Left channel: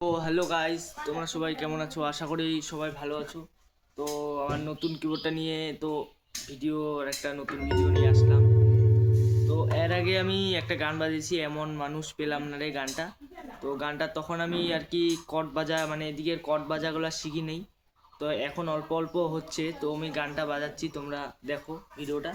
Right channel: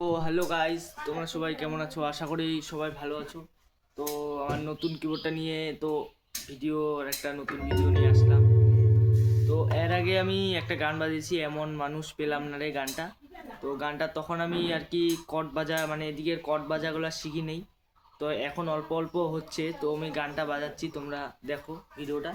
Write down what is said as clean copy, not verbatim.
তো hello guys, তোমরা সবাই কেমন আছো? আশা করি সবাই ভালো আছো। তো আমার নতুন কিবোর্ডটা নিয়ে একটা নতুন ভিডিও নিয়ে আসলাম। তো এর আগে আমি একটা গান বাজিয়েছি, এমন মানুষ পেলাম না রে গানটা। তো গানটা তখন আমি আর কি কর্ড বাজা মানে এদিকের কর্ড বাজাগুলো শিখি নেই। তো এখন অল্প অল্প হচ্ছে, তো আমি গানটা বাজাচ্ছি, তোমরা দেখো ভিডিওটা।